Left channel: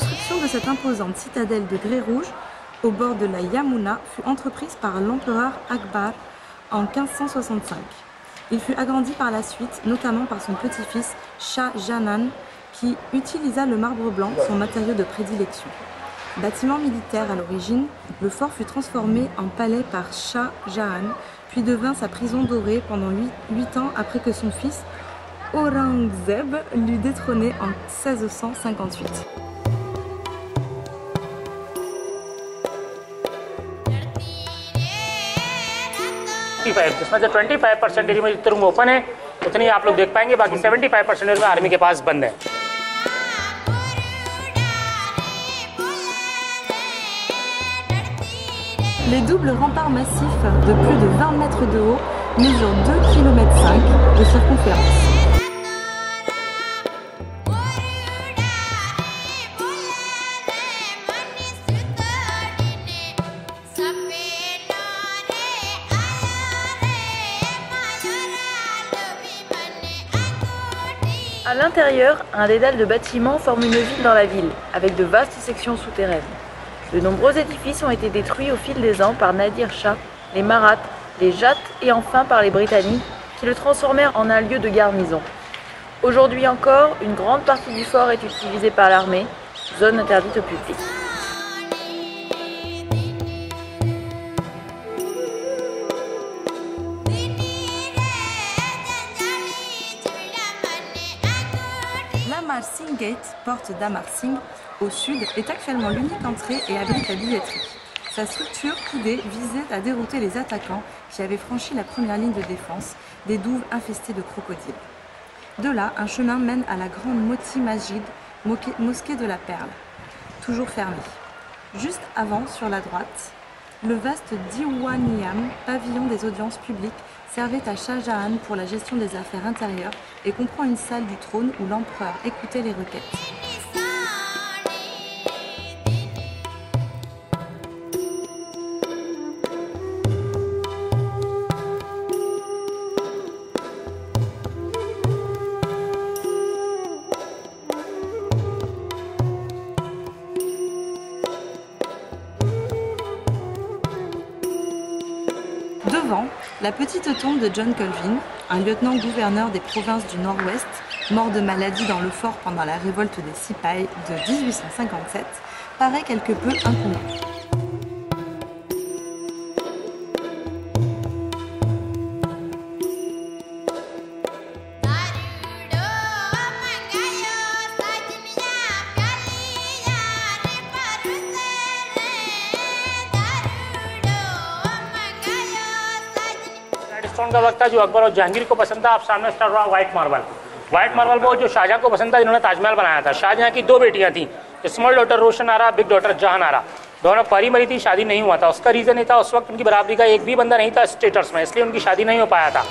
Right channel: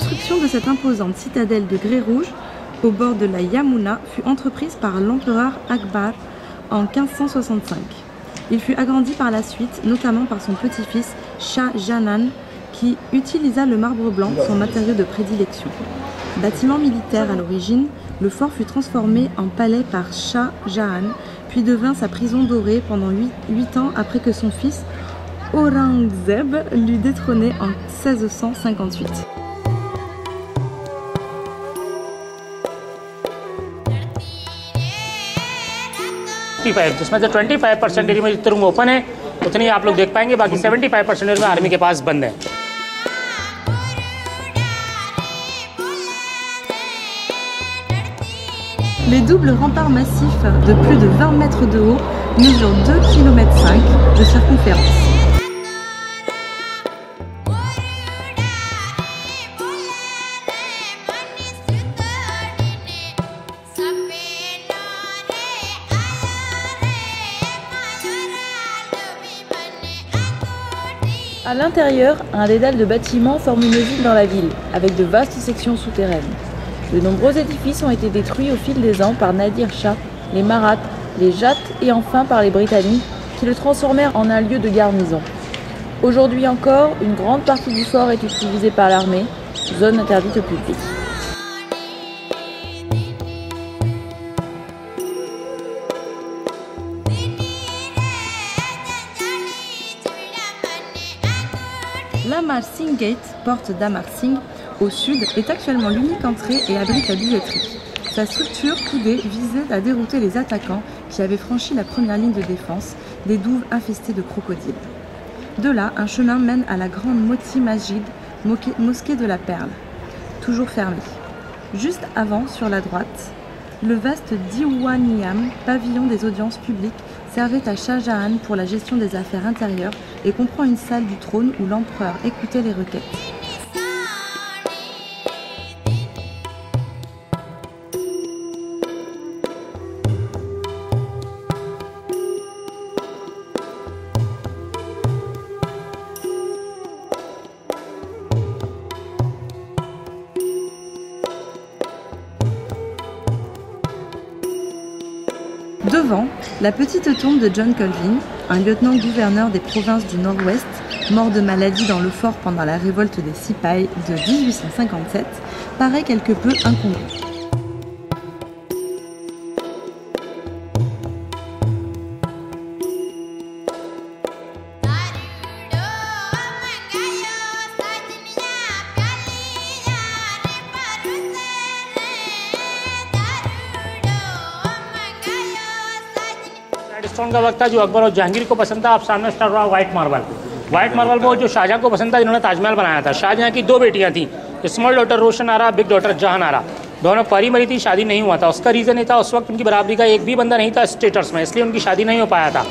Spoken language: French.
construction de cette imposante citadelle de grès rouge au bord de la Yamuna fut entreprise par l'empereur Akbar en 1565. Il fut agrandi par la suite, notamment par son petit-fils Shah Jahan, qui utilisa le marbre blanc, son matériau de prédilection. Bâtiment militaire à l'origine, le fort fut transformé en palais par Shah Jahan, puis devint sa prison dorée pendant 8 ans après que son fils Aurangzeb l'eut détrôné en 1658. जिसमें से 25% एरिया में जितने room open है उतनी आप लोग देख पाएंगे, बाकी 75% रूम आर्मी के पास बंद है। Les doubles remparts massifs de plus de 20 mètres de haut mesurent 2,5 km de circonférence. À l'intérieur, un dédale de bâtiments forme une ville dans la ville, avec de vastes sections souterraines. De nombreux édifices ont été détruits au fil des ans par Nadir Shah, les Marathas, les Jates et enfin par les Britanniques, qui le transformèrent en un lieu de garnison. Aujourd'hui encore, une grande partie du fort est utilisée par l'armée, zone interdite au public. L'Amar Singh Gate, porte d'Amar Singh, au sud, est actuellement l'unique entrée et abrite la billetterie. Sa structure coudée visait à dérouter les attaquants qui avaient franchi la première ligne de défense, des douves infestées de crocodiles. De là, un chemin mène à la grande Moti Masjid, mosquée de la Perle, toujours fermée. Juste avant, sur la droite, le vaste Diwaniyam, pavillon des audiences publiques, servait à Shah Jahan pour la gestion des affaires intérieures et comprend une salle du trône où l'empereur écoutait les requêtes. Devant, la petite tombe de John Colvin, un lieutenant-gouverneur des provinces du Nord-Ouest, mort de maladie dans le fort pendant la révolte des Sipahs de 1857, paraît quelque peu incongrue. जो अकबर और जहांगीर को पसंद था, आप सामने स्टार्ट रहा white marble. White marble में जो शाहजहां को पसंद था, इन्होंने ताजमहल बनाया था। शाहजहां की 2 बेटियां थी, स्मॉल डॉटर रोशन आरा, बिग डॉटर जहान आरा। दोनों परी मरी थी, शादी नहीं हुआ था। उसका रीजन ये था, उस वक्त उनकी बराबरी का एक भी बंदा नहीं था स्टेटस में, इसलिए उनकी शादी नहीं हो पाया था।